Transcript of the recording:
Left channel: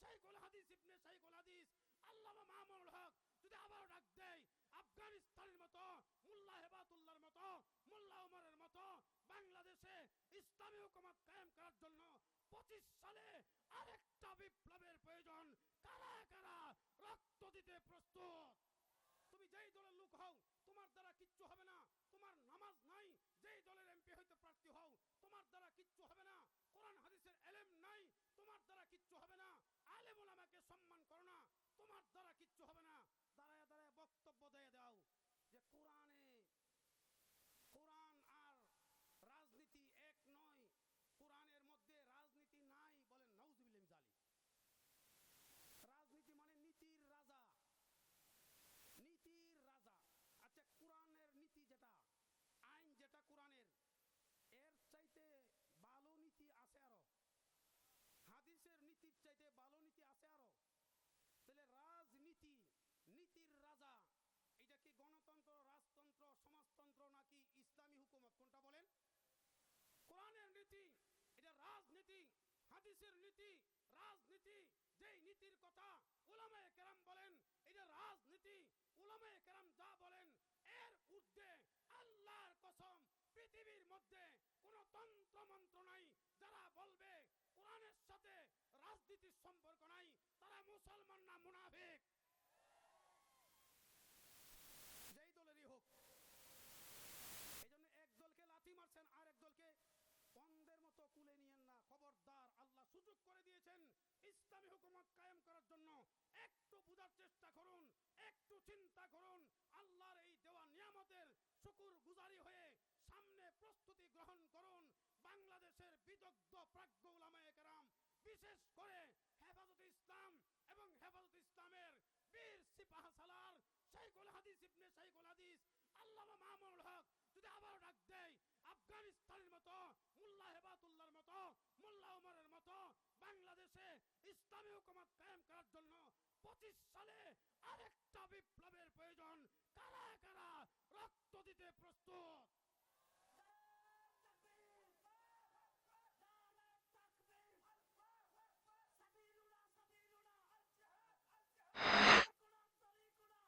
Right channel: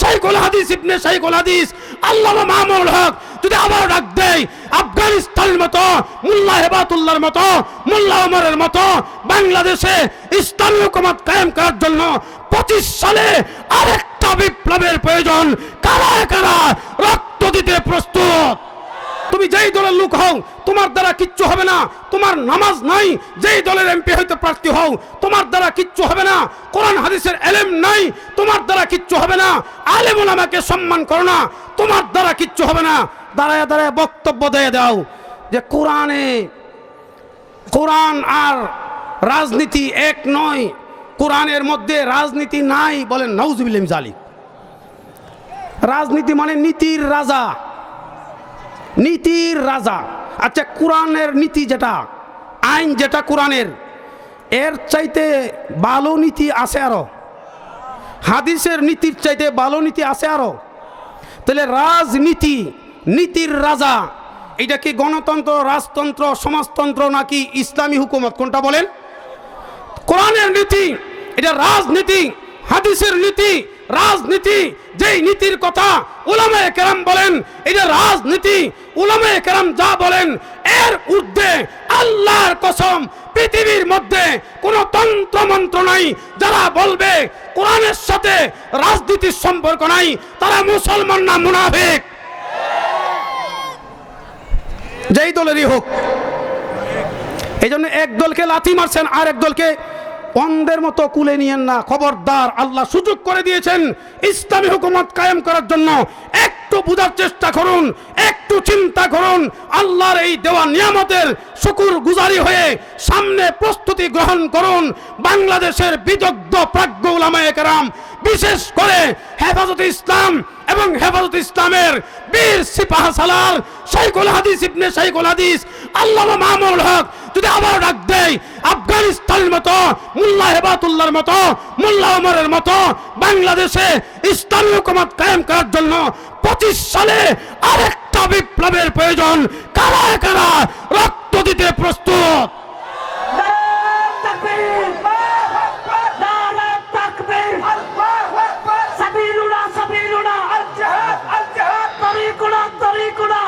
শাইখুল হাদিস ইবনে শাইখুল হাদিস আল্লামা মামুনুল হক যদি আবার ডাক দেয় আফগানিস্তানের মতো, মোল্লা হেবাতুল্লাহর মতো, মোল্লা ওমরের মতো বাংলাদেশে ইসলামী হুকুমত কায়েম করার জন্য 25 সালে আরেকটা বিপ্লবের প্রয়োজন। কারা কারা রক্ত দিতে প্রস্তুত? তুমি যেই দলের লোক হও তোমার দ্বারা কিচ্ছু হবে না। তোমার নামাজ নাই, যেই দলের এমপি হইতে প্রার্থী হও তোমার দ্বারা কিচ্ছু হবে না। কোরআন হাদিসের এলেম নাই, তোমার দ্বারা কিচ্ছু হবে না। আলেম ওলামাকে সম্মান করো না, তোমার দ্বারা কিচ্ছু হবে না। দাঁড়ায় দাঁড়ায় বক্তব্য দিয়ে দাও যে কোরআন আর রাজনীতি এক নয়, কোরআনের মধ্যে রাজনীতি নাই। বলেন নাউজুবিল্লাহ মিন যালিক। রাজনীতি মানে নীতির রাজা, নীতির রাজা। আচ্ছা, কোরআনের নীতি যেটা, আইন যেটা কোরআনের, এর চাইতে ভালো নীতি আছে আরো? হাদিসের নীতির চাইতে ভালো নীতি আছে আরো? তাহলে রাজনীতি, নীতির রাজা, এটা কি গণতন্ত্র, রাজতন্ত্র, সমাজতন্ত্র নাকি ইসলামী হুকুমত? কোনটা বলেন? কোরআনের নীতি এটা রাজনীতি, হাদিসের নীতি রাজনীতি। যেই নীতির কথা উলামায়ে কেরাম বলেন এটা রাজনীতি। উলামায়ে কেরাম যা বলেন এর ঊর্ধ্বে আল্লাহর কসম পৃথিবীর মধ্যে কোনো তন্ত্র মন্ত্র নাই। যারা বলবে কোরআনের সাথে রাজনীতির সম্পর্ক নাই তারা মুসলমান না মুনাফিক, যেই দলেরই হোক। এই জন্য এক দলকে লাথি মারছেন আর এক দলকে অন্ধের মতো কুলে নিয়েন না। খবরদার, আল্লাহ সুযোগ করে দিয়েছেন ইসলামী হুকুমত কায়েম করার জন্য। একটু বুঝার চেষ্টা করুন, একটু চিন্তা করুন। আল্লাহর এই দেওয়া নিয়ামতের শুকুর গুজারি হয়ে সামনে প্রস্তুতি গ্রহণ করুন। বাংলাদেশের বিদগ্ধ প্রাজ্ঞ উলামায়ে কেরাম, বিশেষ করে হেফাজতে ইসলাম এবং হেফাজতে ইসলামের বীর সিপাহসালার শাইখুল হাদিস ইবনে শাইখুল হাদিস আল্লামা মামুনুল হক যদি আবার ডাক দেয় আফগানিস্তানের মতো, মোল্লা হেবাতুল্লাহর মতো, মোল্লা ওমরের মতো বাংলাদেশে ইসলামী হুকুমত কায়েম করার জন্য 25 সালে আরেকটা বিপ্লবের প্রয়োজন। কারা কারা রক্ত দিতে প্রস্তুত? سبيلنا سبيلنا الجهاد الجهاد طريقنا طريقنا